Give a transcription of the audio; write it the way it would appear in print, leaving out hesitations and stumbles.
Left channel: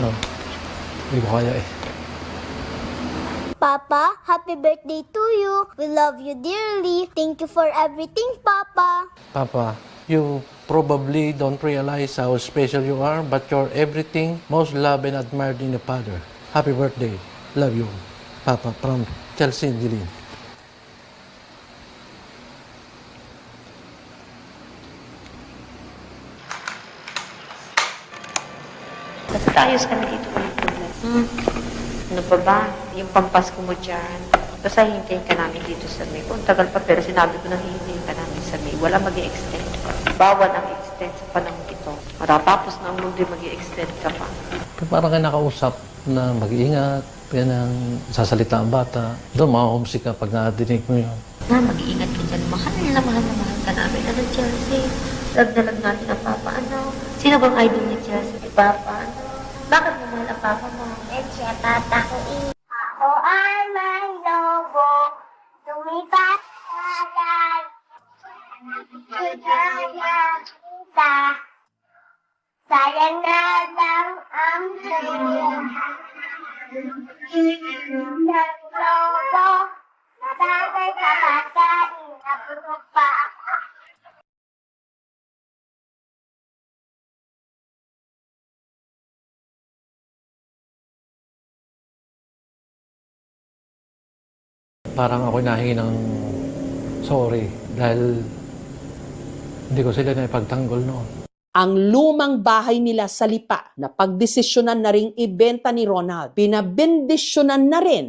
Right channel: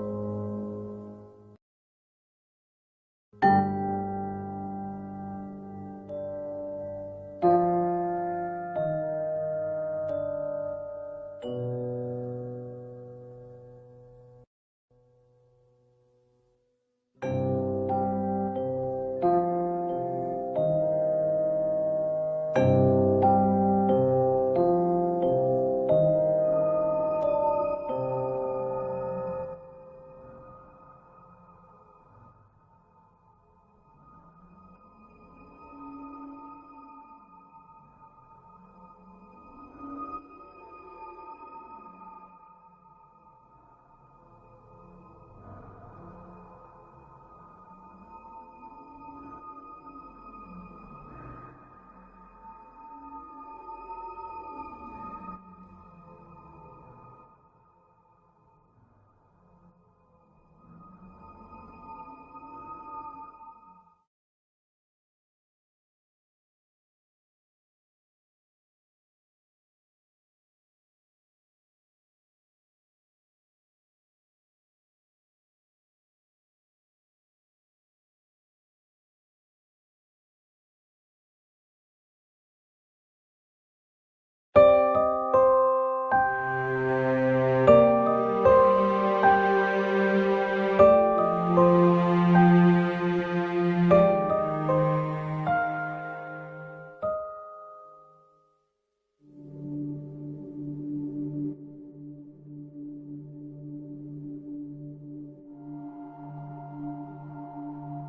No, hindi ko kaya eh. Papa, happy birthday to you. We love you dearly. Thank you for everything, Papa. Papa, you probably don't realize how special you are, but you're everything most loved and admired in a father. Happy birthday. Love you. Papa, from Chelsea Dilin. Basta ayos kami dito ng problem. Ano pa ba? Yung pampasko mo dyan. Basta hintayin ka namin dito sa May. Kung tagal pa, pero sinabi ko na hintayin ka namin sa May. Wala mag-i-extend. Bawal ang extend sa panahon ito. Matatapos na ang mundo, mag-i-extend ka pa. Pero parang kayo nakausap na mag-iingat, yan ang sasalita ang bata. Doon, ma-homesick ka pag nadinig mo yun. Na, mag-iingat ka dyan. Mahal na mahal ka namin. Ano, Chelsea? Lag na lag natin ang Papa. Ano? Sino bang idol ni Chelsea? Si Papa. Ano? Bakit mo mahal ang Papa mo? Siya, Papa ko. Ako ay may lobo. Tumipat sa agad. Kaya kita. Sayang na lang ang sa'yo. Naglobo. Natagay sa bata. Inabulog pa ako. Parang ako nahingi ng sorry dahil hindi ko sila naipagtanggol noon. Ang lumang bahay nila sa Lipa na pagdesisyonan na ring ibenta ni Ronald, pinabendisyonan na rin